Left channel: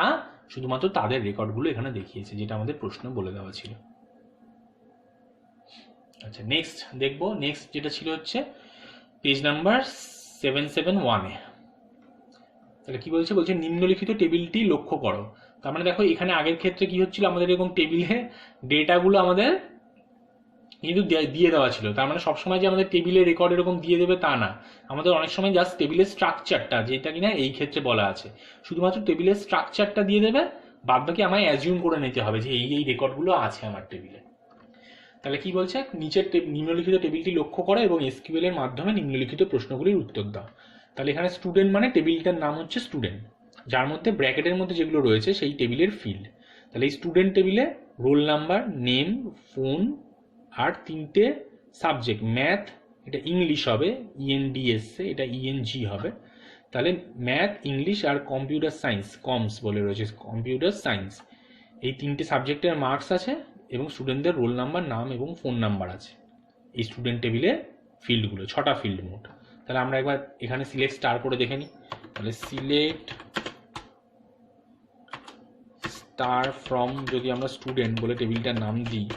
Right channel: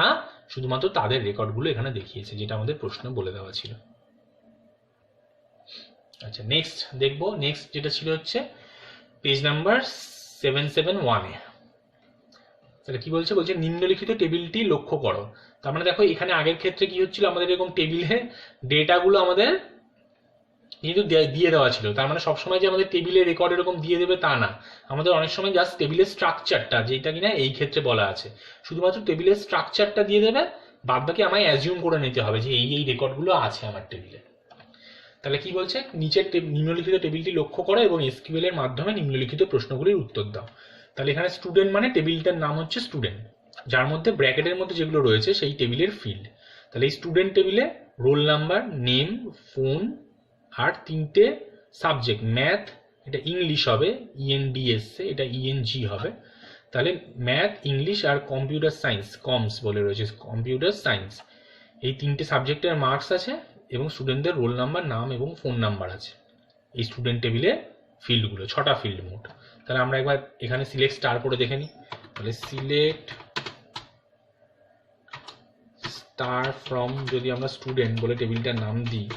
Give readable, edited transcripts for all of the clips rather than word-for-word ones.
না, শুধুমাত্র তাদের রেকর্ডগুলো এখানে দেখিয়েছে, যেটা আমাদের প্রশ্ন বলে দেওয়া ছিল। আচ্ছা, নেক্সট দেখবো। নেক্সট যেটা ছিল হচ্ছে পেজ নাম্বার 771-এ। তাহলে কি বলছে? বলছে নিম্নলিখিত টেবিলটি লক্ষ্য করো। তার মানে দেখো এখানে আগের ক্ষেত্রে কি হচ্ছিল, আমাদের এরকম টেবিলে ডেটাগুলো আমাদের কিন্তু দিয়ে দেওয়া ছিল। তার মানে সবসময় যে আমাদের টেবিলে রেকর্ড এরকম দিয়ে দেবে তা না, আমাদের অনেক সময় জাস্ট টেবিলের স্ট্রাকচারটা, যেটা কিনা এই ক্ষেত্রে বলা আছে, শুধুমাত্র টেবিলের স্ট্রাকচারটা দিয়ে দেবে, বাদ বাকি আমায় অ্যাজিউম করে নিতে হবে যে এই এই রেকর্ডগুলো আছে আমার টেবিলে। তাহলে কি বলছে? নিচের নিম্নলিখিত টেবিলটি লক্ষ্য করো এবং এসকিউএল এর মাধ্যমে নিম্নলিখিত প্রশ্নগুলির উত্তর দাও। তাহলে এখানে স্টুডেন্ট মানে টেবিলটার নাম হচ্ছে স্টুডেন্ট, যার মধ্যে ব্র্যাকেটের মধ্যে যেগুলো রয়েছে সেই টেবিলের ফিল্ড। তাহলে এই স্টুডেন্ট টেবিলে রোল নাম্বার, নেম, ফোন আর তিনটে সাবজেক্ট, ম্যাথ, এটা ইংলিশ হবে ইএনডিএস, এটা ইএনজি হবে। তাহলে ম্যাথ, ইংলিশ আর কম্পিউটার সায়েন্স, কমস বলে রয়েছে, কম্পিউটার সায়েন্স, এই তিনটে সাবজেক্টের মার্কস আছে এবং স্টুডেন্টদের রোল নাম্বার, নাম এবং ফোন নাম্বার আছে এই স্টুডেন্ট টেবিলে ফিল্ডগুলো, 6টা ফিল্ড মোট। তাহলে আমরা একবার এখানে সিলেক্ট স্টার করে দেখে নিই। তাহলে সিলেক্ট স্টার ফ্রম, যদি আমরা স্টুডেন্ট বলে টেবিলটার নাম দিই,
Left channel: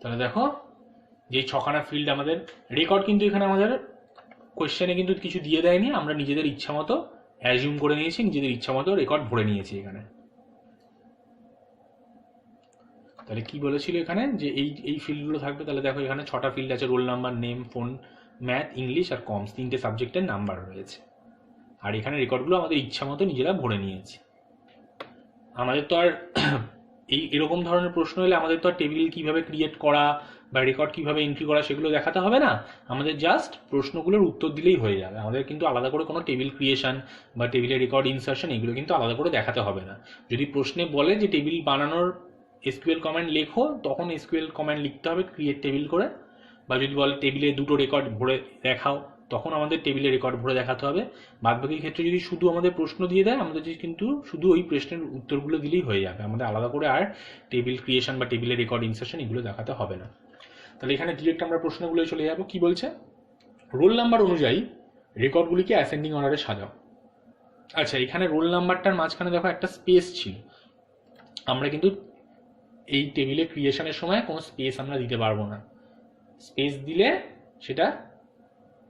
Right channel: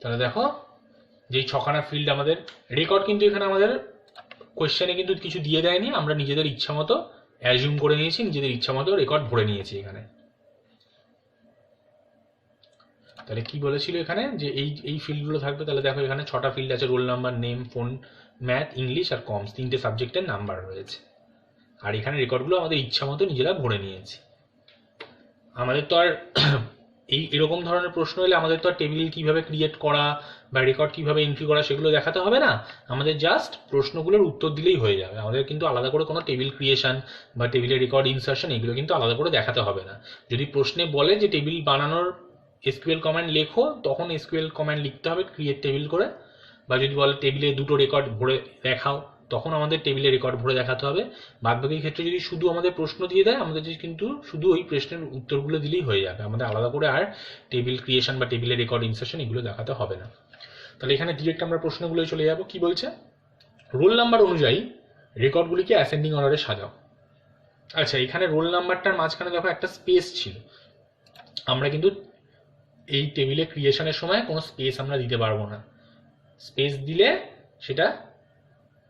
তাহলে দেখো যে 6খানা ফিল্ড আমাদের রেকর্ড, কিন্তু এখানে আমাদের কোয়েশ্চেনে কিন্তু কিছু দিয়ে দেয়নি, আমরা নিজেদের ইচ্ছা মতো অ্যাজিউম করে নিয়েছি, নিজেদের ইচ্ছা মতো রেকর্ড ভরে নিয়েছি এখানে। তাহলে কি বলেছিল এখানে যে এই এই ফিল্ডগুলো থাকবে। তাহলে দেখো এখানে 6টা ফিল্ড আছে, roll number, name, phone, math, English আর কমস, তিনটে সাবজেক্টের নাম্বার রয়েছে। আর এখানে রেকর্ডগুলো আমাদের ইচ্ছা মতো নিজেরা ভরে নিয়েছি। আমাদের তো আর এরকম ধরনের প্রশ্ন এলে আমাদের তো আর টেবিল কীভাবে ক্রিয়েট করা বা রেকর্ড কীভাবে এন্ট্রি করা সেগুলো দেখাতে হবে না, আমাদের জাস্ট প্রশ্নগুলোর উত্তর দিলেই হয়ে যাবে। আমাদের কিন্তু আলাদা করে কোনো টেবিল ক্রিয়েশন বা টেবিলের রেকর্ড ইনসার্শন এগুলো কিন্তু আলাদা করে দেখাতে হবে না। যদি প্রশ্নে বলে যে টেবিল বানানোর এসকিউএল কমান্ড লেখো, তখন এসকিউএল কমান্ড লিখতে হবে ক্রিয়েট টেবিল করে। বা যদি বলে টেবিলে 2টো রেকর্ড ভরে দেখাও, তখন আমাদের টেবিলে রেকর্ড ভরে দেখাতে হবে। বাদবাকি ক্ষেত্রে যদি শুধু আমাদের প্রশ্ন দিয়ে দেয়, আমাদের কিন্তু শুধু ওই প্রশ্নের উত্তরগুলো দিলেই হয়ে যাবে, আমাদের আলাদা করে আর টেবিল ক্রিয়েশন বা টেবিলের রেকর্ড ইনসার্শন এগুলো দেখাতে হবে না। তাহলে এখানে ডিরেক্ট আমরা প্রশ্নগুলোই চলে যাব। কি বলছে? রোল নাম্বার অনুযায়ী রেকর্ডগুলিকে অ্যাসেন্ডিং অর্ডারে সাজাও। আচ্ছা, এখানে রোল নাম্বারটার মাঝখানে দেখো একটা স্পেস ছিল, আমরা কিন্তু এই টেবিলে ক্রিয়েশনের সময় কোনো স্পেস আমরা দিতে পারবো না। স্পেস দিলে সেটা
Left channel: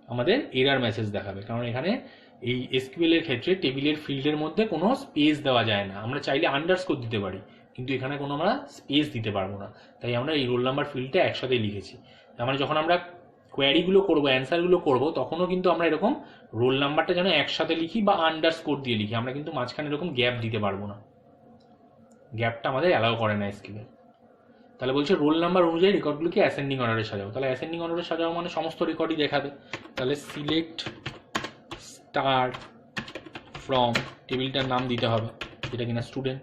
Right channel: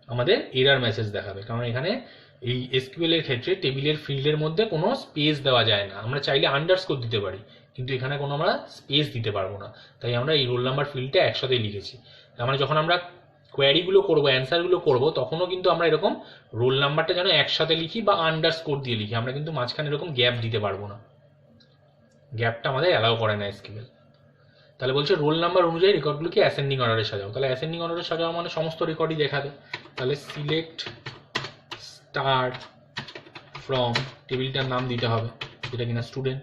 আমাদের এরার মেসেজ দেখাবে, কারণ এখানে এই এসকিউএল এর ক্ষেত্রে টেবিলের ফিল্ডের মধ্যে কোনো স্পেস দেওয়া যায় না। আমরা চাইলে আন্ডারস্কোর দিতে পারি, কিন্তু এখানে কোনো আমরা স্পেস দিতে পারবো না। তাই আমরা এই রোল নাম্বার ফিল্ডটা একসাথে লিখেছি। মানে যখন আমরা কোয়ারিগুলো করবো, অ্যান্সারগুলো করবো, তখনও কিন্তু আমরা এরকম রোল নাম্বারটা যেন একসাথে লিখি বা আন্ডারস্কোর দিয়ে লিখি, আমরা কিন্তু মাঝখানে এরকম গ্যাপ দিতে পারবো না, গ্যাপটা আমাদের অ্যালাউ করে না এসকিউএল। তাহলে বলছে রোল নাম্বার অনুযায়ী রেকর্ডগুলোকে অ্যাসেন্ডিং অর্ডারে সাজাও। তাহলে অ্যাসেন্ডিং অর্ডারে সাজাও মানে সমস্ত রেকর্ডই দেখাবে। তাহলে সিলেক্ট স্টার ফ্রম, টেবিলটার নাম দিতে হবে যেটা কিনা স্টুডেন্ট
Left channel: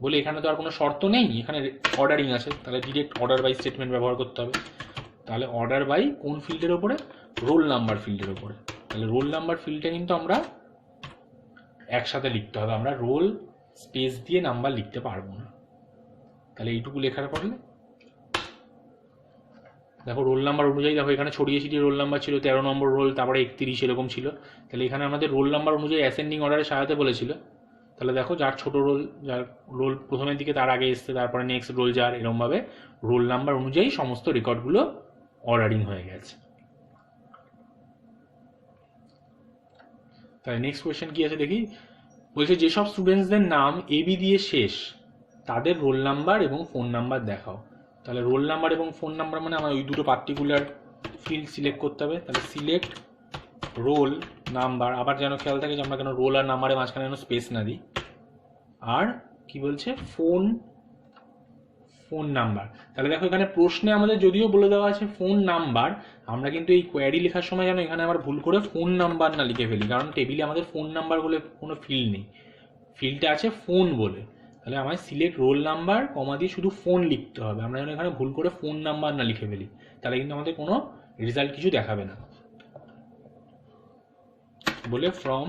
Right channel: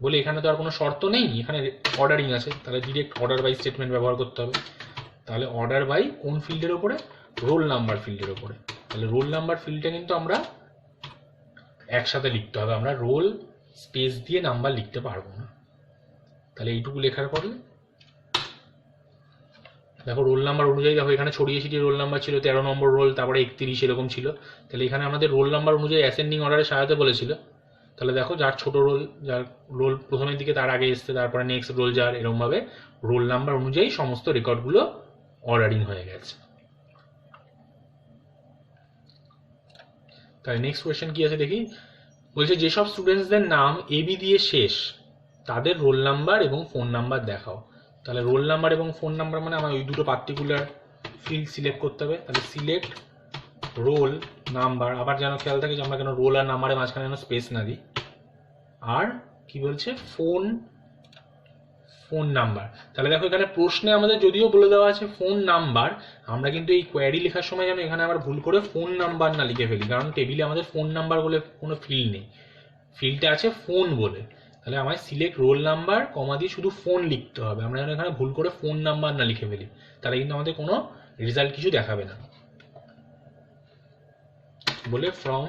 বলে, এখানে তো আর কোনো শর্ত নেই, এখানে অর্ডারিং আছে। তাহলে ডিরেক্ট অর্ডার বাই স্টেটমেন্ট ব্যবহার করতে হবে। তাহলে অর্ডার বাই কোন ফিল্ডের ওপরে? রোল নাম্বার ফিল্ডের ওপরে। তাহলে রোল নাম্বার ফিল্ডটা কিন্তু আমরা একসাথে লিখতে হবে, আমরা রোল স্পেস দিয়ে নাম্বার লিখতে পারবো না। তাহলে এইটুকু লেখার পরে দেখো রোল নাম্বার অনুযায়ী, দেখো এখানে ছড়িয়ে ছিটিয়ে রোল নাম্বার ছিল, 13 নম্বর রোল, তারপরে 31 এরকম ছিল। তাহলে এখানে আমাদের রোল নাম্বার অনুযায়ী অ্যাসেন্ডিং অর্ডারে সাজাতে বলেছিল। তাহলে দেখো যার ছোট রোল, যার রোল প্রথমের দিকে তার আগে এসছে, তারপরে নেক্সট রোল যার, এরকমভাবে রোল নাম্বার অনুযায়ী সমস্ত রেকর্ডগুলো অর্ডারিং হয়ে গেছে। তাহলে নেক্সট কোয়েশ্চেন কি আছে দেখি। বলছে যেসব স্টুডেন্টসদের নাম এবি দিয়ে শেষ তাদের রোল নাম্বার এবং ফোন নাম্বার দেখাও। তাহলে রোল নাম্বার এবং ফোন নাম্বার মানে আমার ওই দুটো পার্টিকুলার ফিল্ড সিলেক্ট করতে হবে। তাহলে সিলেক্ট রোল নাম্বার, আবার যেন খেয়াল থাকে যে আমরা কেন রোল আর নাম্বারের মাঝখানে যেন স্পেস না দিই। আর কি বলছে? Phone number. তাহলে দেখো এখানে প্রশ্নে আমাদের যদিও বলে দেওয়া আছে ফোন নাম্বার, আমরা কিন্তু এই কোয়ারি লেখার সময় যেন এখানে আবার ভুল করে ফোন নাম্বার না লিখে ফেলি, কারণ টেবিলে আমাদের ফোন নাম্বার বলে কোনো ফিল্ড নেই, ফিল্ডটা আছে ফোন বলে। তাহলে আমায় সিলেক্ট রোল নাম্বার কমা দিয়ে শুধু ফোন লিখতে হবে, আমরা যেন এখানে ভুল করে ফোন নাম্বার না লিখে ফেলি, তাহলে কিন্তু আমাদের কোনো রেজাল্ট কিছু দেখাবে না। বলে ফ্রম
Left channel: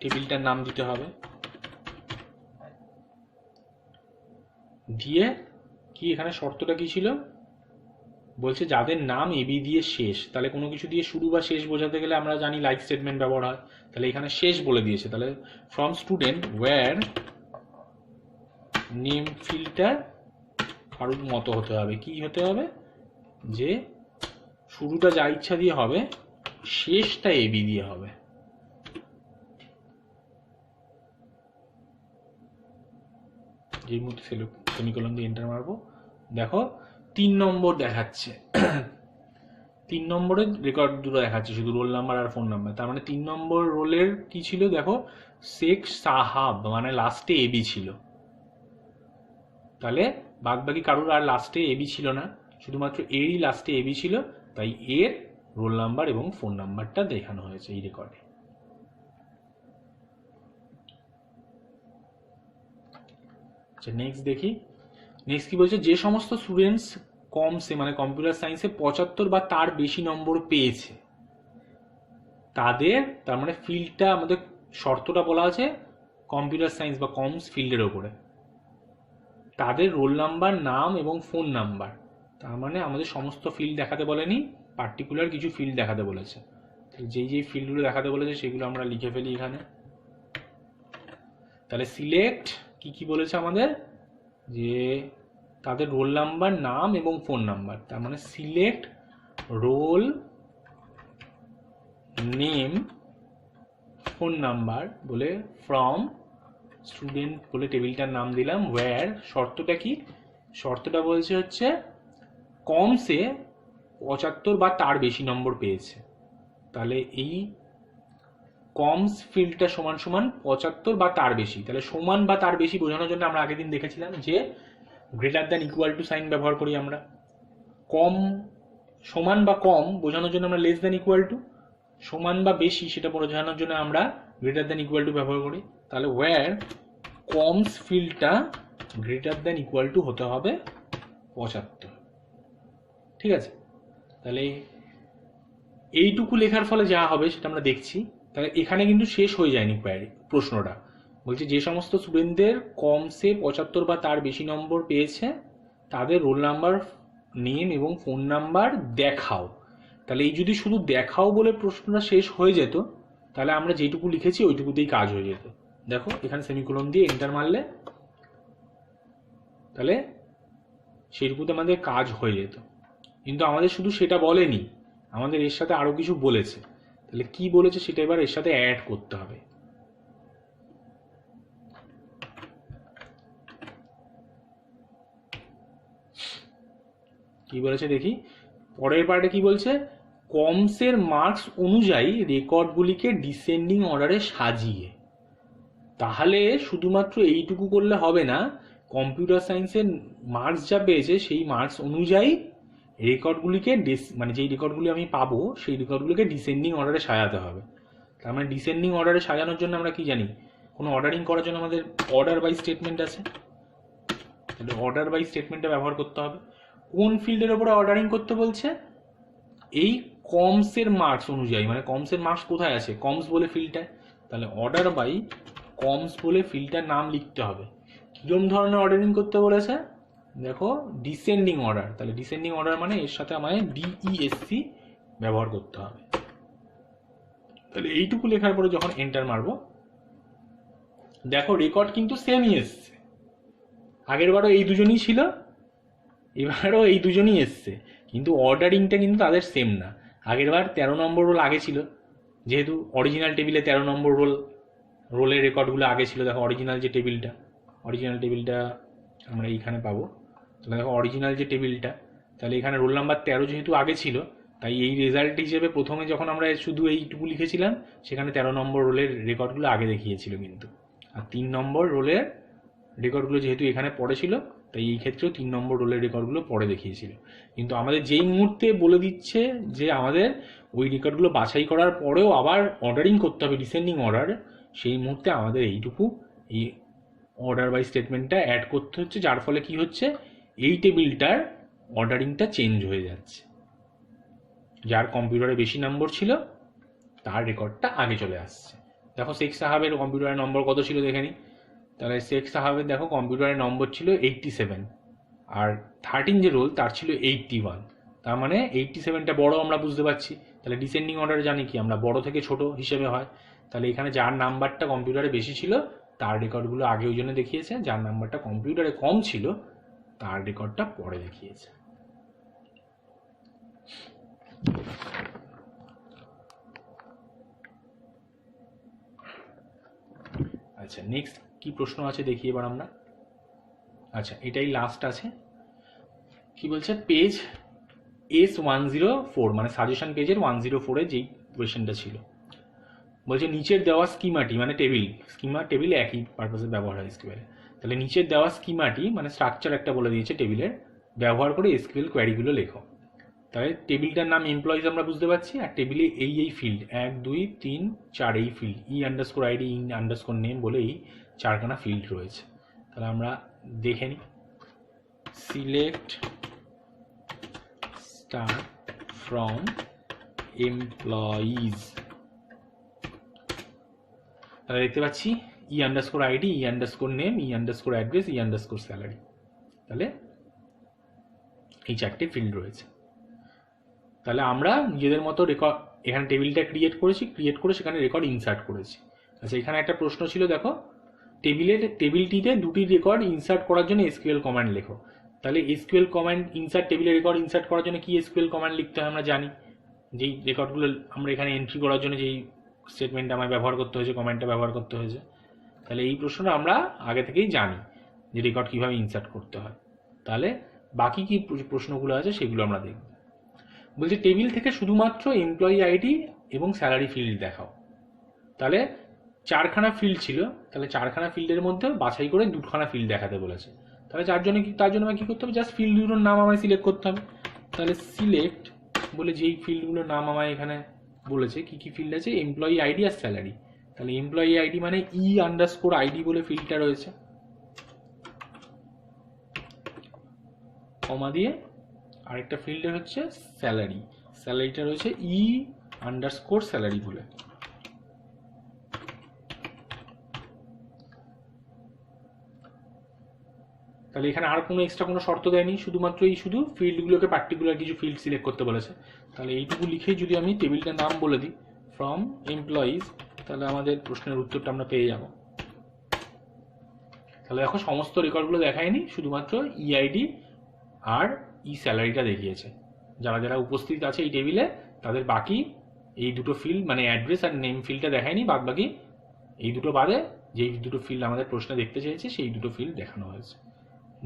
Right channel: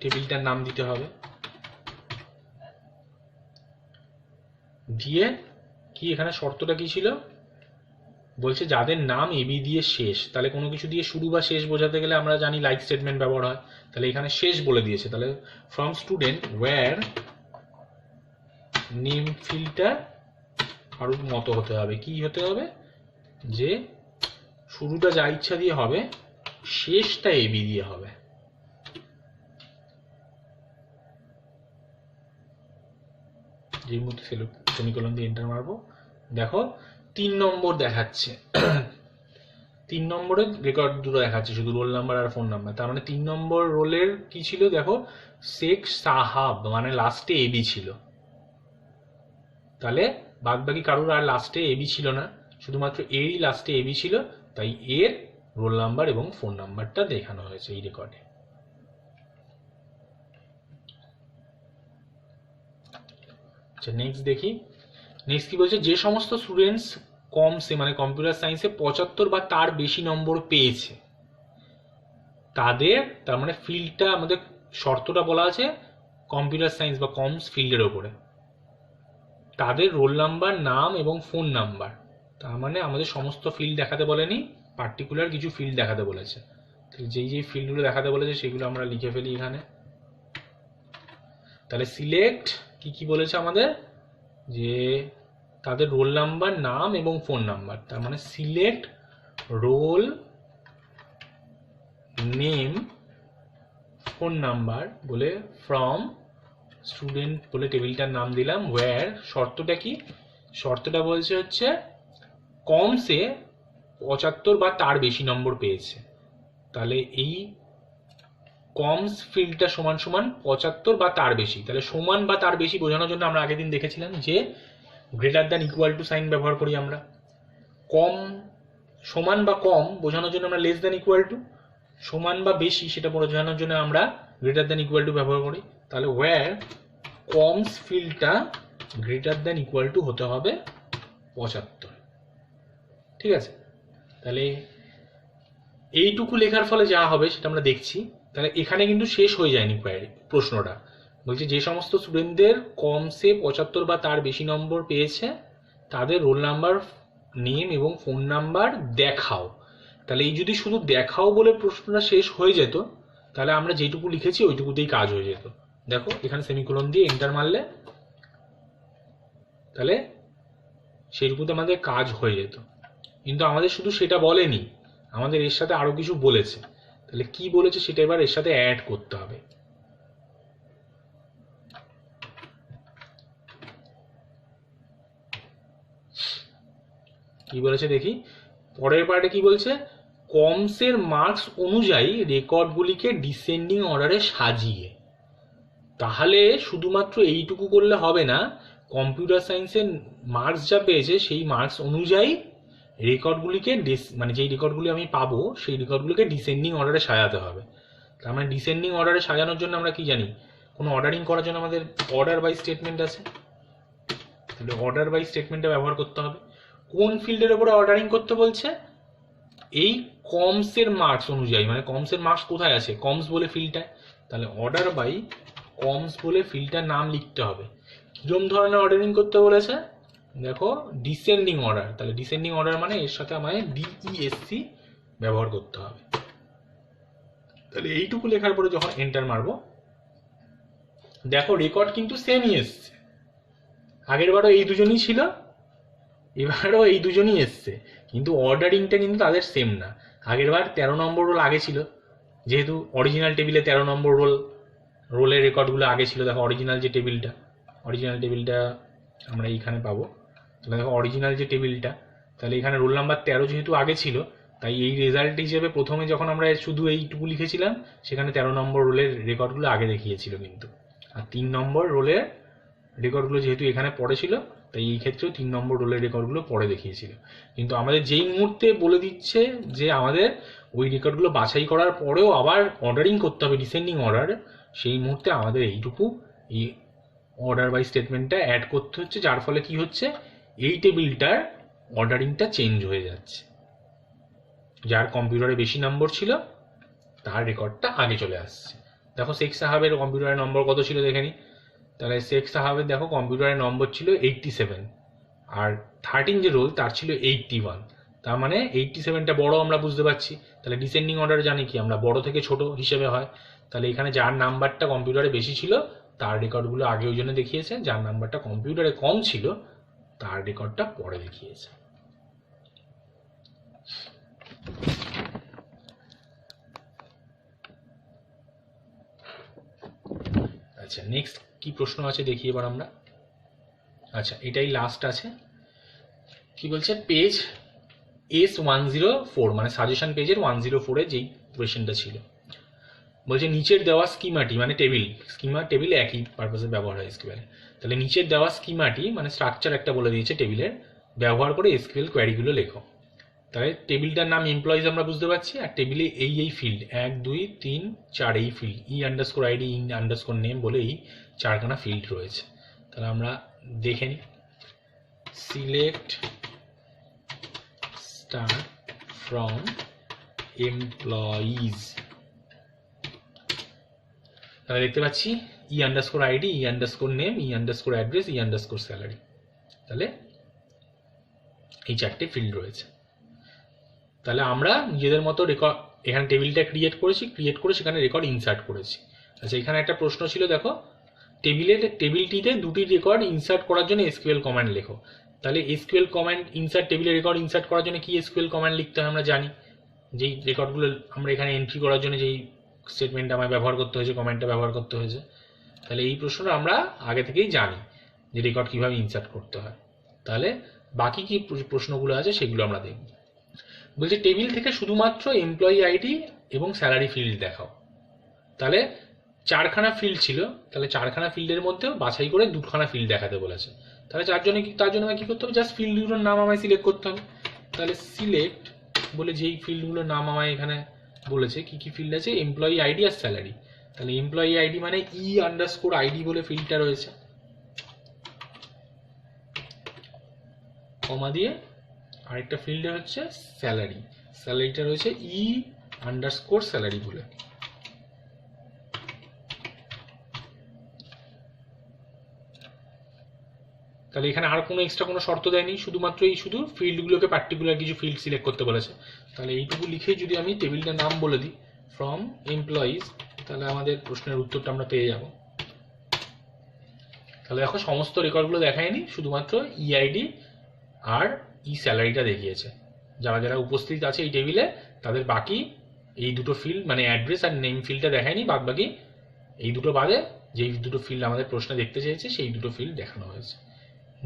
টেবিলটার নাম দিতে হবে, দিয়ে কি এখানে শর্তটা কি ছিল? বলছে যাদের নাম এবি দিয়ে শেষ, তাহলে কোনো কিছু দিয়ে শুরু বা শেষ বোঝাতে গেলে আমরা জানি লাইক স্টেটমেন্ট ব্যবহার হয়, তাহলে এখানে শেষ বলে দিয়েছে, তাহলে ফ্রম স্টুডেন্ট ওয়্যার নেম ফিল্ডটা কারোর মতো হতে হবে, কি হতে হবে, যে শুরুটা যা ইচ্ছা দিয়ে হবে, শেষটা এবি দিয়ে হবে। যেই মুহূর্তে সেমিকোলন দিয়ে এন্টার মারবো, দেখো 3 নম্বর দেখাচ্ছে। 3 নম্বরের রেকর্ড দুটো দেখাচ্ছে, শুধু রোল নাম্বার আর ফোন নাম্বার। তার মানে 3 নম্বর রোলের কি ছিল দেখো, শেখ সাহাব, মানে লাস্টে এবি ছিল। তাহলে বাদ বাকি কারোর আর লাস্টে এবি ছিল না, শুধুমাত্র এরই লাস্টে এবি ছিল, তাই এর রোল নাম্বার এবং ফোন নাম্বারটা দেখানো হয়েছে এই রেকর্ডে। আচ্ছা নেক্সট দেখি, নেক্সট কি বলছে, যে সমস্ত স্টুডেন্টস কমসে মানে কম্পিউটার সায়েন্সে 75 বা তার বেশি নম্বর পেয়েছে তাদের, তার মানে ফিল্ডটা আমাদের শর্তটা বলা আছে কম্পিউটার সায়েন্স বা কমস ফিল্ডের ওপরে, তাদের রোল নাম্বার, নাম এবং ফোন নাম্বার। তার মানে আমাদের সমস্ত ফিল্ড দেখাতে বলেনি, পার্টিকুলার কিছু ফিল্ড দেখাতে বলেছে। যেই যেই ফিল্ডগুলো দেখাতে বলেছে সেগুলো আমরা লিখে ফেলি এখানে। তাহলে সিলেক্ট কি কি বলেছে আমাদের, যে তাদের রোল নাম্বার, নাম এবং ফোন নাম্বার। তার মানে select roll name phone number বলে ফ্রম স্টুডেন্ট বলে টেবিলটার নাম দিলাম। ওয়্যার শর্তটা কি, শর্তটা বলছে হচ্ছে কমসে 75 বা তার বেশি নম্বর পেয়েছে। তাহলে এই কমস ফিল্ডটা সমান সমান 75 বা তার বেশি। তাহলে সমান বা তার বেশি বোঝানোর জন্য আমরা আগের দিন দেখেছিলাম যে greater than equal to sign ব্যবহার করি আমরা। কম, সমান বা কম বোঝানোর জন্য আমরা লেস দ্যান ইকুয়াল টু, সমান বা বেশি সেটা বোঝানোর জন্য আমরা গ্রেটার দ্যান ইকুয়াল টু ব্যবহার করি। তাহলে ওয়্যার কমস ফিল্ডটা গ্রেটার দ্যান ইকুয়াল টু হতে হবে 75। ঠিক আছে, তাহলে এইটুকু লেখার ফলে যা হবে সেটা আমরা দেখছি। তাহলে এখানে কিন্তু শেষ হয়ে যায়নি প্রশ্নটা, বলছে যে সমস্ত স্টুডেন্টদের কমসে 75 বা তার বেশি নম্বর পেয়েছে তাদের রোল নাম্বার, নেম এবং ফোন নাম্বার দেখাও। তাহলে এই যদি শুধু দেখাও বলে প্রশ্নটা শেষ হয়ে যেত, তাহলে আমরা যেটুকু লিখেছি ওইটুকুতেই কাজ হয়ে যেত। দেখো এখানে সেমিকোলন দিয়ে এন্টার মারলে তাহলে সেইটুকুতে আমাদের কাজ হয়ে যেত। কিন্তু আমাদের শুধু সেটা বলেনি, আমাদের এর সাথে আরো কিছু বলেছে। তাহলে কি বলেছে সেটা এবার এর সাথে অ্যাড করতে হবে। কি বলেছে দেখি, পরের পার্টে কি বলছে, কমসের মার্কস অনুযায়ী রেকর্ডগুলিকে ডিসেন্ডিং অর্ডারে সাজিয়ে। তাহলে শুধুমাত্র এইটুকু করলে হবে না, কম্পিউটার সায়েন্সের মার্কস যা পেয়েছে সেই মার্কস অনুযায়ী রেকর্ডগুলিকে মানে যেই রেকর্ডগুলি আমি পাবো সেই রেকর্ডগুলিকে ডিসেন্ডিং অর্ডারে সাজাতে হবে। তার মানে ডিসেন্ডিং অর্ডারে সাজানোর জন্য আমরা কি জানি, কোনো অর্ডারিং করার জন্য আমাদের অর্ডার বাই স্টেটমেন্ট আছে। তাহলে অর্ডার বাই স্টেটমেন্টটা ব্যবহার করতে হবে। কোন ফিল্ডের ওপরে অর্ডারিং করতে বলছে, এই কমসের মার্কস অনুযায়ী, মানে কমসের মার্কস কোথায় আছে, কমস বলে ফিল্ডটায়। তাহলে অর্ডার বাই কমস বলে ফিল্ডটার নাম লিখতে হবে। কিরম ধরনের অর্ডারিং করতে বলেছে দেখো, ডিসেন্ডিং অর্ডার। তাহলে ডিসেন্ডিং অর্ডার মানে এর সাথে আমায় ডিইএসসি ব্যবহার করতে হবে। তাহলে এইটুকু লেখার পরে যখন এন্টার মারবো, দেখো রেকর্ড কিন্তু সেমই এসছে। আগের বারও এই দুজনই ছিল, এবারও এই দুজনই এসছে, কিন্তু অর্ডারিংটা কিন্তু তাদের সেম না। আগের বার 13 নম্বর রোল আগে ছিল, যেহেতু অরিজিনাল টেবিলে 13 নম্বর রোলের রেকর্ডগুলো আগে ছিল। দেখো অরিজিনাল যে টেবিলটা আমরা এইখানে পাবো। তাহলে দেখো অরিজিনাল যে টেবিলটা, তাহলে এখানে রোল নাম্বার 13 যেহেতু আগে ছিল, তাই এই রেজাল্ট হিসেবে প্রথমে যখন আমরা শুধু এইটুকু লিখেছিলাম সেখানে 13 নম্বর রোলের রেকর্ডগুলো আগে দেখিয়েছিল কিন্তু, আর 3 নম্বর রোলের রেকর্ডগুলো যেহেতু এখানে পড়ে ছিল তাই এই ক্ষেত্রেও 3 নম্বর রোলের রেকর্ডগুলো পরে দেখিয়েছিল। কিন্তু আমাদের যেই মুহূর্তে বলে দিচ্ছে যে আমাদের ওই রেকর্ডগুলো বাছাই করার পরেও আবার অর্ডারিং করতে হবে ডিসেন্ডিং অর্ডার, সেই মুহূর্তে আমাদের এইটুকু এই অর্ডার বাই স্টেটমেন্টটা অ্যাড করতে হচ্ছে, যার ফলে কি হচ্ছে, এই টেবিলটার অর্ডারিংটা চেঞ্জ হয়ে যাচ্ছে। যার কম্পিউটারে বেশি নম্বর ছিল তার রেকর্ডটা আগে চলে আসছে। দেখো শেখ সাহাবের কম্পিউটারের নম্বর কত ছিল দেখে নি। তাহলে শেখ সাহাবের দেখো কম্পিউটারের নম্বর ছিল 87, আর 13 যে রোল তার ছিল 81। তার মানে 87টা বড় আমরা বুঝতে পারছি, তাহলে ডিসেন্ডিং অর্ডারে জানি কি আমরা বড় থেকে ছোট হিসেবে হয়। তাহলে এখানে যার নাম্বারটা কম্পিউটারে বেশি ছিল তার রেকর্ডগুলো আগে ওই জন্য দেখিয়েছে, যার নাম্বারটা কম্পিউটারে কম ছিল তার রেকর্ডটা পরে দেখিয়েছে। আচ্ছা, নেক্সট কি প্রশ্ন আছে দেখি এবার আমরা। আচ্ছা, এটাই লাস্ট আছে। কি বলছে, পেজ S104 মানে সাজেশন পেজের 104-এ যেই কোয়েশ্চেনটা ছিল, বলছে নিচের দেওয়া স্কিমাটি মানে টেবিল একই পারপাসে ব্যবহার হয় এসকিউএল। তাহলে নিচের দেওয়া স্কিমাটি মানে স্ট্রাকচার একটা বলে দিয়েছে টেবিলের, ব্যবহার করে এসকিউএল কোয়ারিগুলো লেখো। তাহলে টেবিলটার নাম এমপ্লয়িজ আমরা বুঝতে পারছি, আর টেবিলে এই ফিল্ড 1 2 3 4 এই ফিল্ড ই_আইডি ই_নেম বলে এই 4খানা ফিল্ড রয়েছে। তাহলে আমরা দেখে নিই। সিলেক্ট স্টার ফ্রম এমপ্লয়িজ, তাহলে দেখতে পাচ্ছি ই_আইডি ই_নেম ই_অ্যাড্রেস ই_স্যালারি, তাহলে এই 4টে ফিল্ড রয়েছে। তাহলে আমরা নিজেদের মতো রেকর্ড এখানে টেবিলটা ক্রিয়েট করে সেখানে রেকর্ড ইনসার্ট করেছি। আচ্ছা, এখানে একটা প্রশ্ন ছিল, দেখো টেবিলটিতে দুটি রেকর্ড ইনসার্ট করার জন্য এসকিউএল কমান্ড লেখো। তাহলে এসকিউএল কমান্ড টেবিলে রেকর্ড ইনসার্ট করার জন্য কি এসকিউএল কমান্ড লিখতে হয় আমরা জানি। যেই রেকর্ডগুলো আমরা এখানে এন্ট্রি করার জন্য যেই স্টেটমেন্টটা আমায় ব্যবহার করতে হয়েছে, কমান্ডটা ব্যবহার করতে হয়েছে, তাহলে এই প্রশ্নটা আমরা আগে থেকেই জানি যে রেকর্ড কীভাবে ইনসার্ট করতে হয়। তাহলে বাকি কি প্রশ্নগুলো আছে সেগুলো আমরা দেখব। বলছে টেবিল থেকে শুধুমাত্র এমপ্লয়ি আইডি এবং স্যালারি ফিল্ড দেখাও। তাহলে 4খানা ফিল্ড ছিল, তাহলে 4খানা ফিল্ডের মধ্যে বাছাই করে 2খানা ফিল্ড দেখাতে বলেছে। তাহলে তার জন্য আমাকে কী করতে হবে, জাস্ট ফিল্ড দুটোর নাম আমায় সিলেক্ট করতে হবে। তাহলে সিলেক্ট বলে যেই ফিল্ডগুলোর নাম আমায় এখানে বলেছে কি কি ফিল্ড আছে, এমপ্লয়ি আইডি আর স্যালারি। তাহলে এমপ্লয়ি আইডি মানে ই_আইডি বলে ফিল্ডটা রয়েছে, কমা দিয়ে আরেকটা ফিল্ডে হচ্ছে স্যালারিটা রয়েছে ই_স্যালারি বলে। তাহলে এখানে আর কোনো এক্সট্রা কোনো শর্ত দেয়নি, শুধুমাত্র শুধু ফিল্ডগুলোকে পার্টিকুলার কিছু ফিল্ড সিলেক্ট করতে বলেছে। তাহলে এইটুকু লিখেই যদি আমি টেবিলটার নাম বলে দিই ফ্রম এমপ্লয়িজ, তাহলে আমাদের প্রশ্নের উত্তরটা আমরা পেয়ে যাব। তাহলে দেখো সমস্ত রেকর্ডগুলো দেখায়নি, শুধুমাত্র ই_আইডি আর ই_স্যালারিটা দেখিয়েছে। যারা যারা উপস্থিত আছে এই টেবিলে তাদের বাকি এই দুটো ফিল্ড মানে অ্যাড্রেস আর নেম ফিল্ডটা দেখায়নি, বাদ বাকি এই দুটো বাদে যেই দুটো ফিল্ড আমাদের প্রশ্নে দেখতে চেয়েছে সেই দুটো ফিল্ড দেখানো হয়েছে।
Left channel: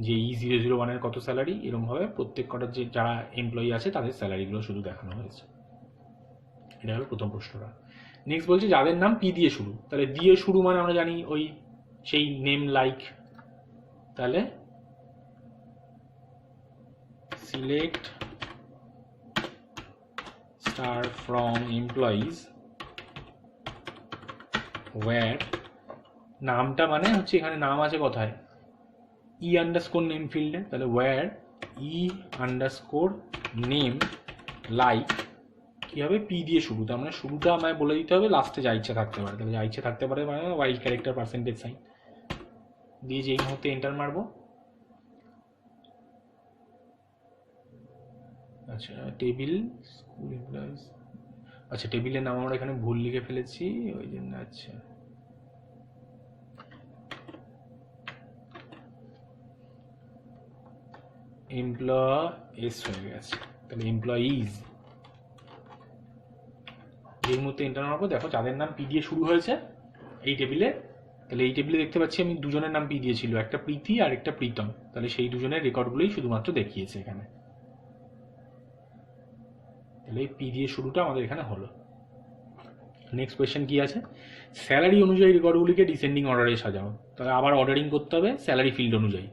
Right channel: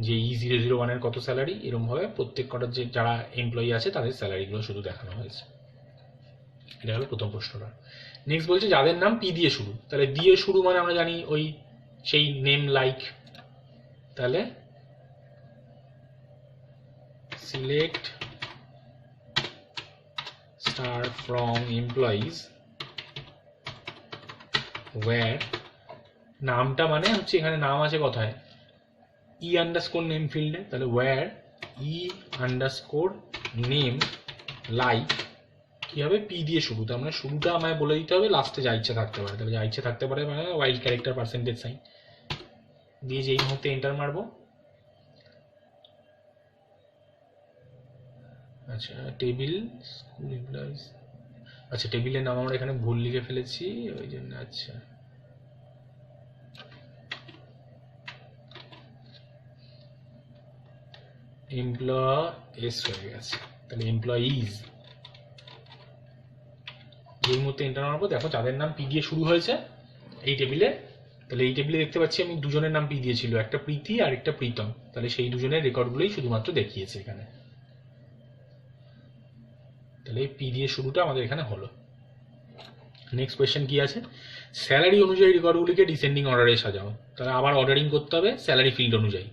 যে E001-এর কত স্যালারি, এরকমভাবে প্রত্যেক কটার যে যারা এমপ্লয়ি আছে তাদের স্যালারিগুলো শুধু দেখানো হয়েছে। এটা হলো প্রথম প্রশ্নটা। নেক্সট বলছে যাদের নাম পি দিয়ে শুরু, তাহলে দিয়ে শুরু মানে আমরা জানি ওই সেই নেম লাইক। তাহলে select star from employees where, নামটা মানে হচ্ছে এখানে নাম আছে কোথায়, ই_নেম ফিল্ডে। তাহলে ওয়্যার ই_নেম লাইক কি হবে, পি দিয়ে শুরু, তার মানে শুরুটা আমায় বলে দিতে হবে, লাস্টে যা ইচ্ছা থাকতে পারে। তাহলে যা ইচ্ছা থাকতে পারে মানে ওয়াইল্ড ক্যারেক্টার পার্সেন্টেজ সাইন দিয়ে যেই মুহূর্তে এন্টার মারবো। আচ্ছা, টেবিল স্কুল এমপ্লয়িজ, আচ্ছা টেবিলের নাম আমরা এখানে ভুল লিখে ফেলেছি ওই জন্য। আচ্ছা, এমপ্লয়িজ হয়ে গেছে, তাহলে এমপ্লয়িজ যেই মুহূর্তে এন্টার মারবো, দেখো যাদের নাম পি দিয়ে শুরু হয়েছে এই টেবিলে, তাহলে এই টেবিলে দেখতে পাচ্ছি আমি দুজনের নাম পি দিয়েছিল, একটা প্রীতি আর একটা প্রীতম। তাহলে সেই দুজনের রেকর্ডগুলোই শুধুমাত্র দেখিয়েছে এখানে। তাহলে এই পি দিয়ে শুরুটা আমাদের এখানে হলো। নেক্সট কোয়েশ্চেন কি আছে, স্যালারি অনুযায়ী রেকর্ডগুলিকে ডিসেন্ডিং অর্ডারে সাজাও। তাহলে আবার অর্ডারিং করতে হবে স্যালারি ফিল্ড অনুযায়ী।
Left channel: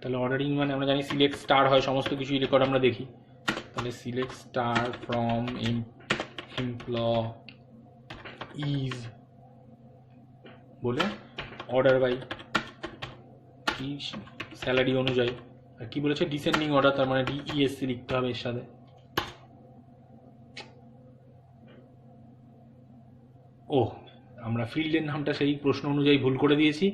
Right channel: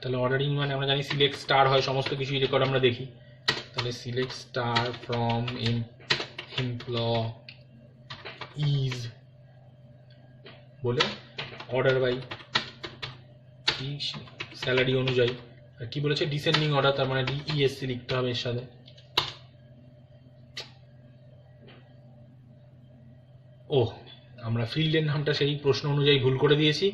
তাহলে অর্ডারিং মানে আমরা জানি সিলেক্ট স্টার হয়, সমস্ত কিছুই রেকর্ড আমরা দেখি। তাহলে সিলেক্ট স্টার ফ্রম এমপ্লয়িজ বলে অর্ডার বাই স্যালারি অনুযায়ী। আর কি বলেছে ডিসেন্ডিং অর্ডার, তার মানে ডিইএসসি লিখতে হবে এর সাথে। ও, আমরা ফিল্ডের নামটা সেই প্রশ্ন অনুযায়ী ভুল করে দিয়েছি।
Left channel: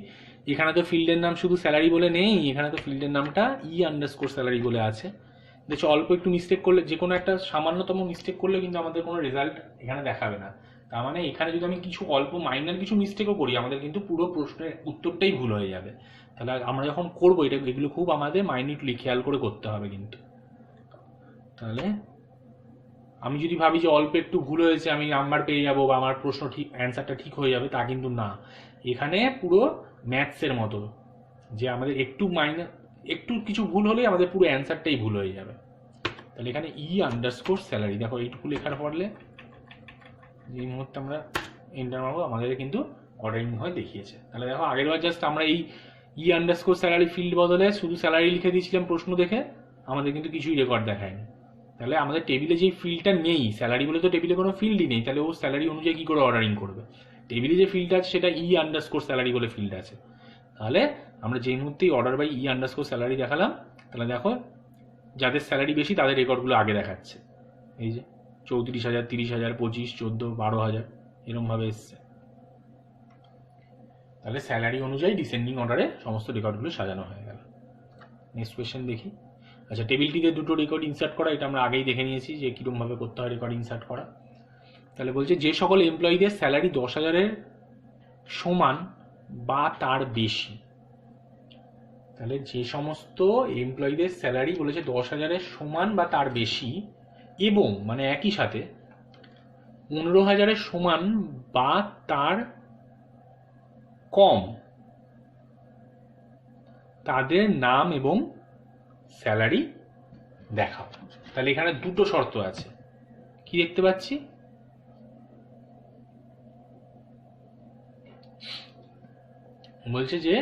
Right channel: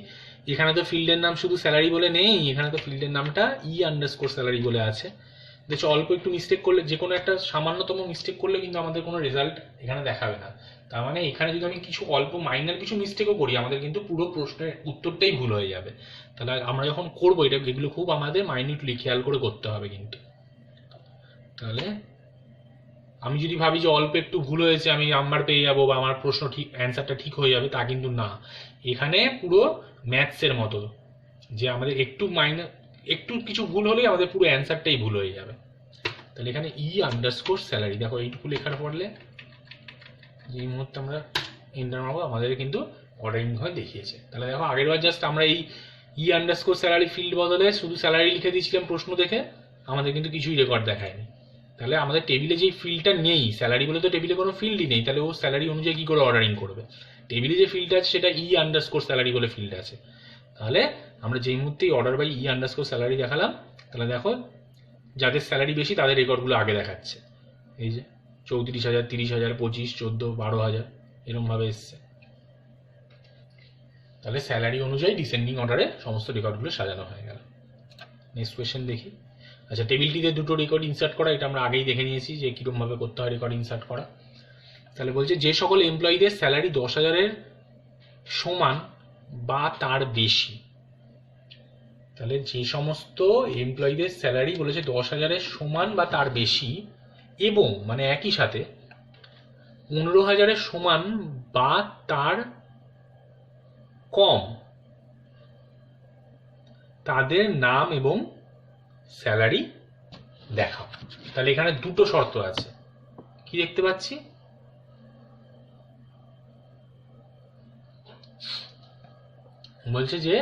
এখানে তো ফিল্ডের নাম শুধু স্যালারি বলে নেই, এখানে তো ফিল্ডের নামটা ই_স্যালারি বলে আছে। দেখছো অল্প একটু মিস্টেক করলে, যে কোনো একটা সামান্যতম মিস্টেক করলে কিন্তু আমাদের কোনো রেজাল্ট এখানে দেখাবে না। তার মানে এখানে যদি আমি কিছু অল্প মাইনার কিছু মিস্টেকও করি, আমাদের কিন্তু পুরো প্রশ্নের উত্তরটাই ভুল হয়ে যাবে। তাহলে আমরা যখন করবো এগুলো খুব আমাদের মাইনিউটলি খেয়াল করে করতে হবে কিন্তু। তাহলে আমি যদি ভাবি যে অল্প একটু ভুল হয়েছে আমি নাম্বার পেয়ে যাবো বা আমার প্রশ্ন ঠিক, অ্যান্সারটা ঠিক হয়ে যাবে, তা কিন্তু না। এখানে পুরো ম্যাথসের মতো, যে আমাদের একটু কিছু ভুল হলেই আমাদের পুরো অ্যান্সারটাই ভুল হয়ে যাবে। তাহলে এখানে ই স্যালারি, দেখো এইটুকু লেখার পড়লে যেই মুহূর্তে আমরা এন্টার মারবো আমাদের কিন্তু অর্ডারিং হয়ে দেখিয়েছে। তাহলে দেখো আগেরবার জাস্ট আমরা এই স্যালারি ফিল্ড বদলে শুধু স্যালারি লিখে দিয়েছিলাম প্রশ্ন দেখে, আমাদের কিন্তু কিছুই রেকর্ড দেখায়নি। তাহলে আমাদের টেবিলে যেই ফিল্ডটা নেই, স্যালারি বলে তো টেবিলে কোনো ফিল্ডই নেই, তাহলে ও স্যালারি অনুযায়ী কী করে অর্ডারিং করবে? টেবিলে যে ফিল্ড আছে সেটা স্যালারি বলে ফিল্ড আছে। তাহলে আমরা যেই মুহূর্তেই অর্ডার বাই স্যালারি দেখালাম, তাহলে দেখো যাদের স্যালারি বেশি তাদের রেকর্ডগুলো আগে দেখাচ্ছে। এই যে 34,000, 30,000, 25, 14, 12,000 এরমভাবে এসছে। তাহলে স্যালারি অনুযায়ী ডিসেন্ডিং অর্ডারে সমস্ত রেকর্ডগুলো সাজানো হয়ে গেল। নেক্সট কোয়েশ্চেন দেখি। আচ্ছা, টেবিলটিতে দুটো রেকর্ড ইনসার্ট করা, এটা আমরা আগেই দেখে নিয়েছি যে কীরকমভাবে করতে হয় রেকর্ড ইনসার্ট করা। তাহলে বলছে যে সকল এমপ্লয়ীদের স্যালারি 10,000-এর সমান বা তার বেশি। তাহলে যে সমস্ত এমপ্লয়ীদের স্যালারি বলেছে 10,000-এর সমান বা তার বেশি এবং মানে একই সাথে 15,000-এর সমান বা তার কম, তাদের নাম এবং স্যালারি দেখাও। তাহলে এখানে দুটো শর্ত আছে, কি দেখতে পাচ্ছি? বলছে যে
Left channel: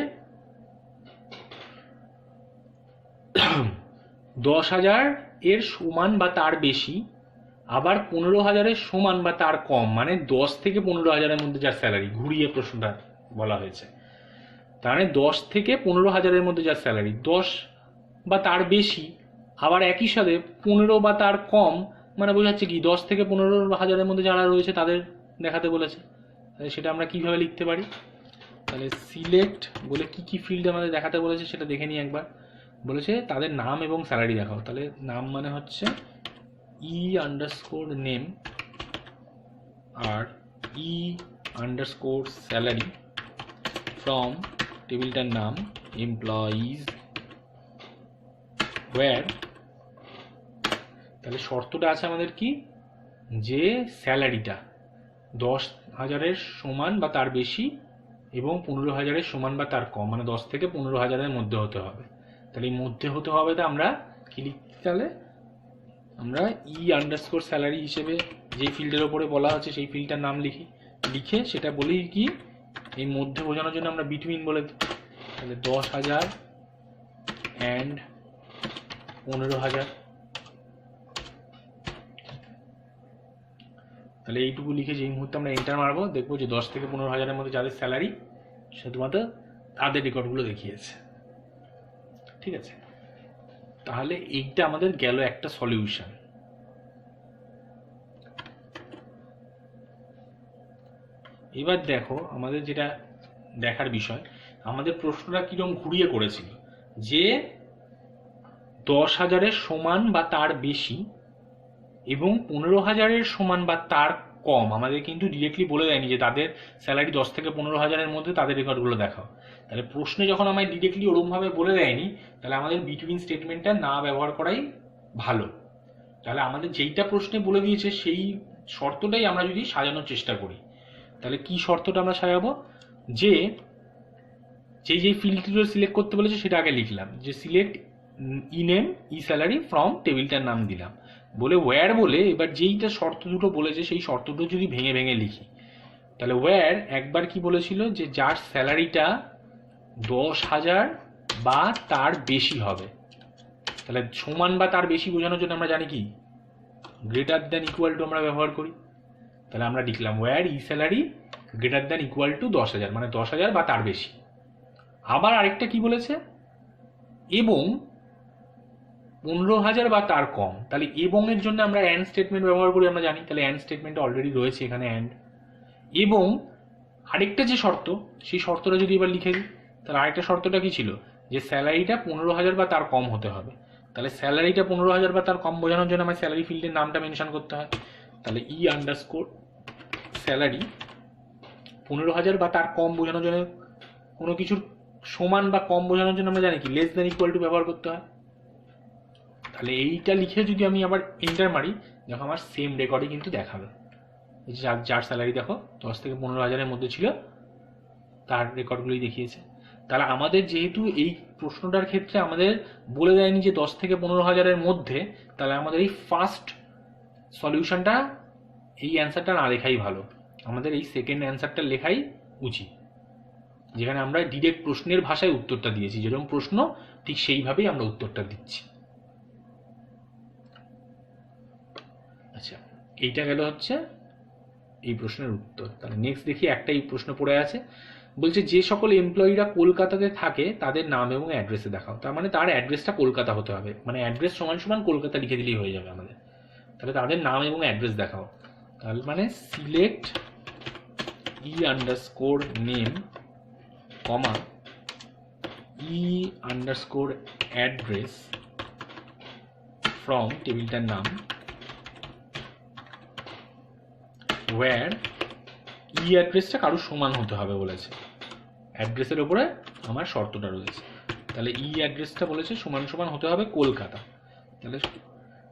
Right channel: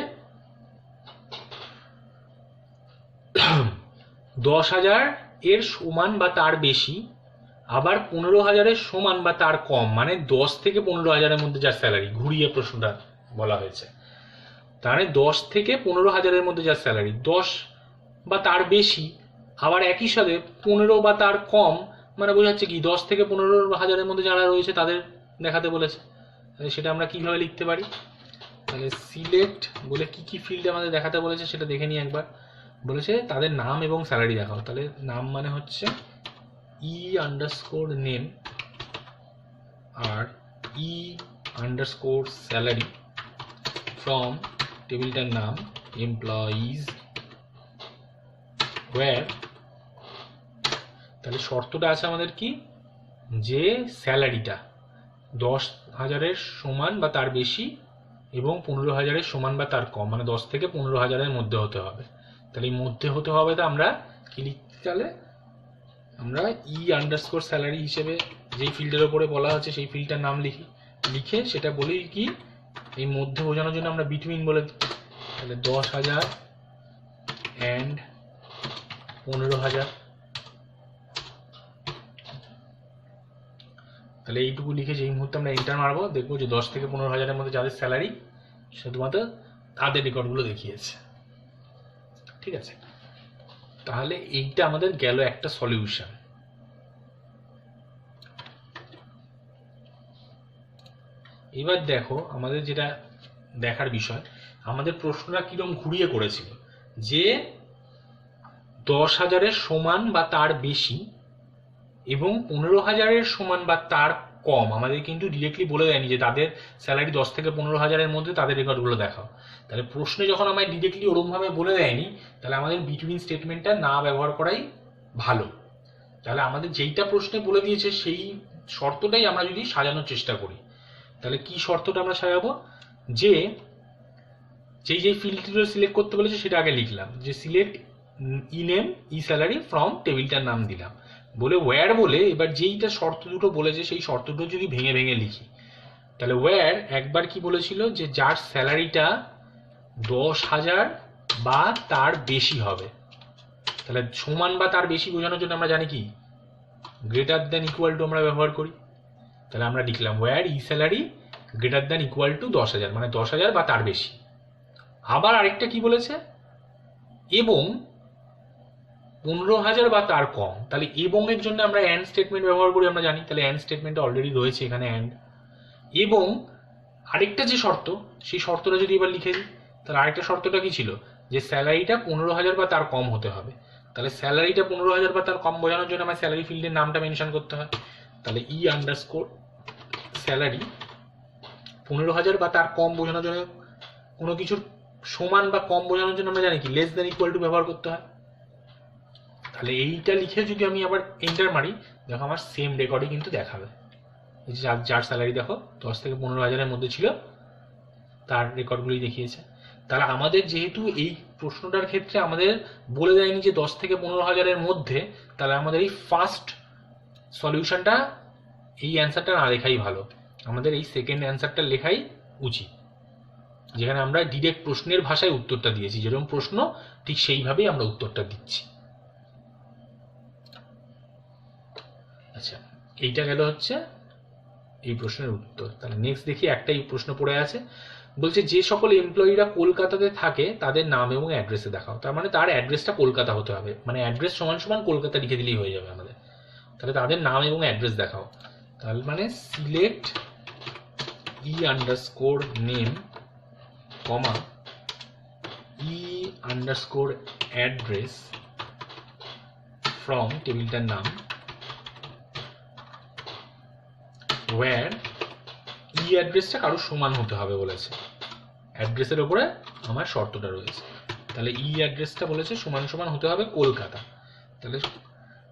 10,000-এর সমান বা তার বেশি, আবার 15,000-এর সমান বা তার কম, মানে 10 থেকে 15,000-এর মধ্যে যার স্যালারি, ঘুরিয়ে প্রশ্নটা বলা হয়েছে। তাহলে 10 থেকে 15,000-এর মধ্যে যার স্যালারি, 10 বা তার বেশি, আবার একই সাথে 15 বা তার কম, মানে বোঝাচ্ছে কি 10 থেকে 15,000-এর মধ্যে যারা রয়েছে তাদের দেখাতে বলেছে। তাহলে সেটা আমরা কিভাবে লিখতে পারি? তাহলে সিলেক্ট বলে কি কি ফিল্ড আমাদের দেখাতে বলেছে সেটা দেখে নিই একবার। বলেছে তাদের নাম এবং স্যালারি দেখাও। তাহলে নাম মানে হচ্ছে নেম আর স্যালারি ফ্রম টেবিলটার নাম এমপ্লয়িজ ওয়্যার। তাহলে শর্তটা আছে আমাদের কি, যে স্যালারিটা 10,000-এর সমান বা তার বেশি এবং 15,000-এর সমান বা তার কম, মানে 10 থেকে 15,000-এর মধ্যে হতে হবে। তাহলে এই মধ্যে হতে হবে, তো আমরা কি লিখতে? তাহলে আমরা স্যালারি হিসেবে যেই ফিল্ডের ওপরে বলা হচ্ছে সেই ফিল্ডটার নাম লিখে সেটা বলি কি এই মধ্যে বোঝানোর জন্য আমরা বিটুইন বলে দিই। তাহলে 10,000 অ্যান্ড 15,000। তাহলে এইটুকু লিখে যেই মুহূর্তে আমরা এন্টার মারবো, দেখবো যে 10 থেকে 15,000-এর মধ্যে যাদের স্যালারি শুধুমাত্র তাদের রেকর্ডগুলো দেখিয়েছে। ঠিক আছে, তাহলে এইটা আমাদের গেল একটা সলিউশন। এবার দেখো আমাদের যেটা দেখার বিষয়, আমাদের প্রশ্নটা কিরকম ঘুরিয়ে করেছিল, যে 10,000-এর সমান বা তার বেশি এবং 15,000-এর সমান বা তার কম। আমাদের কিন্তু ডিরেক্টলি বলে দেয়নি যে তাদের স্যালারি 10 থেকে 15,000-এর মধ্যে তাদের রেকর্ডগুলো দেখাও। তাহলে প্রশ্নে যখন আমায় ডিরেক্টলি ওরকমভাবে বলে দেয়নি, তাহলে আমাদের বিটুইন স্টেটমেন্টটা না ব্যবহার করাই ভালো। তাহলে আমাদের যেইটা প্রশ্নে বলে দিয়েছে সেই শর্তটাই আমরা যদি সাজানোর চেষ্টা করি, তাহলে কি শর্তটা আমরা সাজাবো? যে যেই ফিল্ডগুলো সিলেক্ট করতে বলেছে সেটা আগে লিখলাম, যে সিলেক্ট নেম স্যালারি ফ্রম টেবিলটার নাম দিলাম বলে ওয়্যার বলে, এবার যেইটা শর্ত দুটো বলেছে সেই শর্ত দুটো যদি ভেঙে ভেঙে লিখি, তাহলে ওয়্যার একবার কি বলেছিল, যে যার স্যালারিটা 10,000 বা তার বেশি হবে। তাহলে সমান বা তার বেশি বোঝানোর জন্য আমরা জানি কি গ্রেটার দ্যান ইকুয়াল টু আমরা ব্যবহার করি। তাহলে আমরা লিখলাম where salary greater than equal to 10,000, মানে 10,000 বা তার বেশি। আবার আরেকটা কি বলেছে, এবং 15,000 বা তার কম। তাহলে এবং এর জন্য আমরা অ্যান্ড স্টেটমেন্ট ব্যবহার করি, আমরা জানি। তাহলে অ্যান্ড স্টেটমেন্টটা অলরেডি রয়েছে এখানে অ্যান্ড। এবং আরেকটা যে শর্ত, সেই শর্তটা যদি এবার লিখে দিই, তাহলে আরেকটা শর্তটা কি ছিল, যে স্যালারিটা 15,000 বা তার কম হতে হবে। তাহলে স্যালারিটা 15,000 বা তার কম বোঝানোর জন্য আমার স্যালারি ফিল্ডের নামটা মেনশন করতে হয়। তাহলে ই আন্ডারস্কোর স্যালারি 15,000 বা তার কম বোঝানোর জন্য, কোনো কিছুর সমান বা কম বোঝানোর জন্য আমরা জানি কি লেস দ্যান ইকুয়াল টু ব্যবহার করতে হয়। তাহলে এইটা লিখে যদি আমি আবার এন্টার মারি, দেখো আমার সেম রেকর্ডই কিন্তু দেখাবে। এই যে যার স্যালারি দেখো 10 থেকে 15,000-এর মধ্যে ছিল, তার রেকর্ডগুলোই দেখিয়েছে। তাহলে আমাদের যেহেতু এই প্রশ্নটার ক্ষেত্রে আমাদের বলে দেয়নি যে 10 থেকে 15,000-এর মধ্যে, তাহলে আমাদের এই ফার্স্ট সলিউশনটা, এই অ্যান্সারটা না লেখাই ভালো, আমাদের এই সেকেন্ড অ্যান্সারটা লেখাই উচিত, যেখানে আমরা ডিরেক্ট প্রশ্নের ভাষায় উত্তরটা দিয়েছি, যেরকম প্রশ্ন ঠিক সেইভাবেই আমরা উত্তরটা দিচ্ছি। আচ্ছা, এইটা গেল হচ্ছে এই প্রশ্নের উত্তর। তাহলে নেক্সট দেখি, একটাই প্রশ্ন পড়ে আছে, বলছে যে সকল এমপ্লয়িরা কলকাতাতে থাকে তাদের নাম এবং অ্যাড্রেসে দেখাও। তার মানে তার অ্যাড্রেসটা কলকাতা হতে হবে, মানে অ্যাড্রেস সমান সমান কলকাতা লিখে দিলেই হয়ে যাবে আমাদের। তাহলে তাদের নাম এবং অ্যাড্রেস দেখাও। তাহলে মানে select E underscore name comma E underscore address from টেবিলটার নাম ওয়্যার ই অ্যাড্রেসটা কারোর সমান হতে হবে বলেছে। অ্যাড্রেসের ওপরে আমার শর্তটা রয়েছে। তাহলে ই অ্যাড্রেসটা বলেছে সমান সমান হতে হবে কলকাতা। তাহলে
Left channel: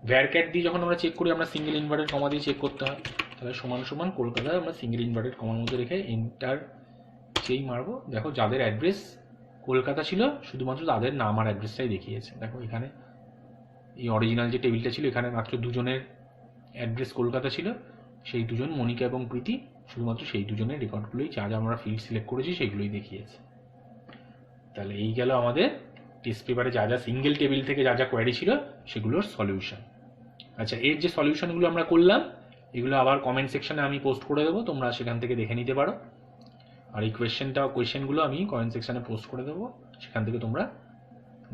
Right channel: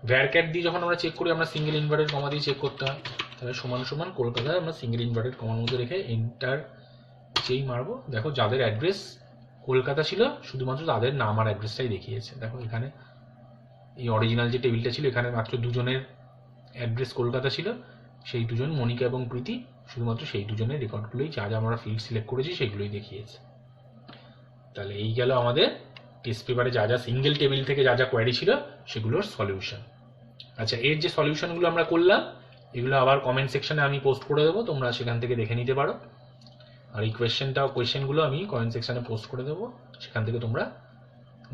ভ্যারক্যাট দিয়ে যখন আমরা চেক করি, আমরা সিঙ্গেল ইনভার্টেড কমা দিয়ে চেক করতে হয়। তাহলে সমান সমান কলকাতায় আমরা সিঙ্গেল ইনভার্টেড কমার মধ্যে রেখে এন্টার যেই মারবো, দেখো যাদের অ্যাড্রেস কলকাতা ছিল শুধুমাত্র তাদের নাম আর অ্যাড্রেসটাই দেখিয়েছে। দেখো এখানে এই অরিজিনাল যে টেবিলটা ছিল, এখানে মাত্র দুজনের অ্যাড্রেস কলকাতা ছিল, সেই দুজন মনিকা এবং প্রীতি, শুধুমাত্র সেই দুজনের রেকর্ডগুলোই যা যা আমরা ফিল্ড সিলেক্ট করেছি সেগুলোই দেখিয়েছে। তাহলে এই গেল আমাদের টেস্ট পেপারে যা যা সিঙ্গেল টেবিল থেকে যা যা কোয়ারি ছিল সেগুলোর সলিউশন। আচ্ছা, এর যে সলিউশনগুলো আমরা করলাম এগুলো আবার কমেন্ট সেকশনে আমি পোস্ট করে দেবো, তোমরা সেখান থেকে দেখে নিতে পারো। আর এই কোয়েশ্চেনগুলো আমি কমেন্ট সেকশনে পোস্ট করে দেবো, সেখান থেকে তোমরা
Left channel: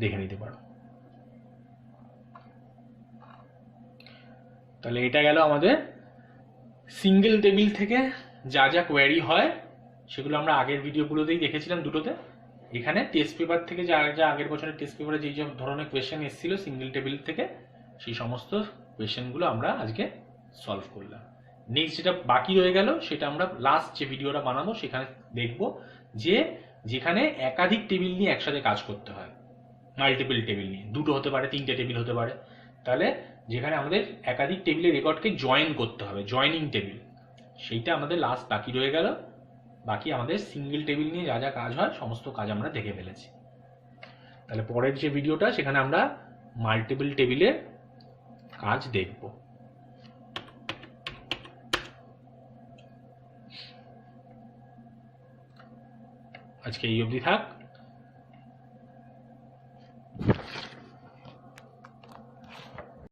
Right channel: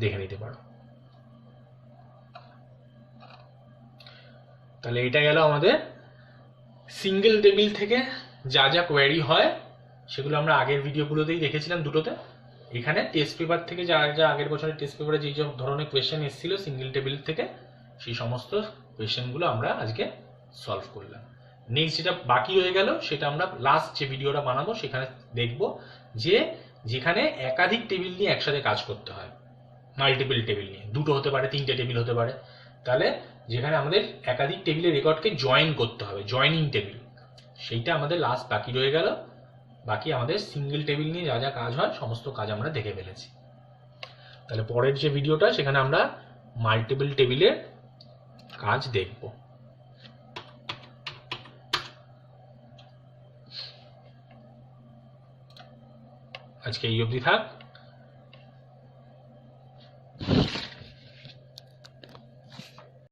দেখে নিতে পারো। তাহলে এটা গেল আমাদের সিঙ্গেল টেবিল থেকে যা যা কোয়ারি হয় সেগুলো আমরা আগের ভিডিওগুলোতেই দেখেছিলাম দুটোতে। এখানে টেস্ট পেপার থেকে যা যা আগের বছরের টেস্ট পেপারে যেই সব ধরনের কোয়েশ্চেন এসেছিল সিঙ্গেল টেবিল থেকে, সেই সমস্ত কোয়েশ্চেনগুলো আমরা আজকে সলভ করলাম। নেক্সট যেটা বাকি রয়ে গেল সেটা আমরা লাস্ট যে ভিডিওটা বানাবো সেখানে দেখব, যে যেখানে একাধিক টেবিল নিয়ে একসাথে কাজ করতে হয়, মাল্টিপল টেবিল নিয়ে, দুটো হতে পারে, তিনটে টেবিল হতে পারে, তাহলে যেখানে আমাদের একাধিক টেবিলের রেকর্ডকে জয়েন করতে হবে, জয়েনিং টেবিল, সেইটা আমাদের লাস্ট বাকি রয়ে গেল। বাকি আমাদের সিঙ্গেল টেবিল নিয়ে যা যা কাজ হয় সমস্ত কাজ আমরা দেখে ফেলেছি। তাহলে পরের যে ভিডিওটা সেখানে আমরা মাল্টিপল টেবিলের কাজ দেখব। আজকে এই অবধি থাক।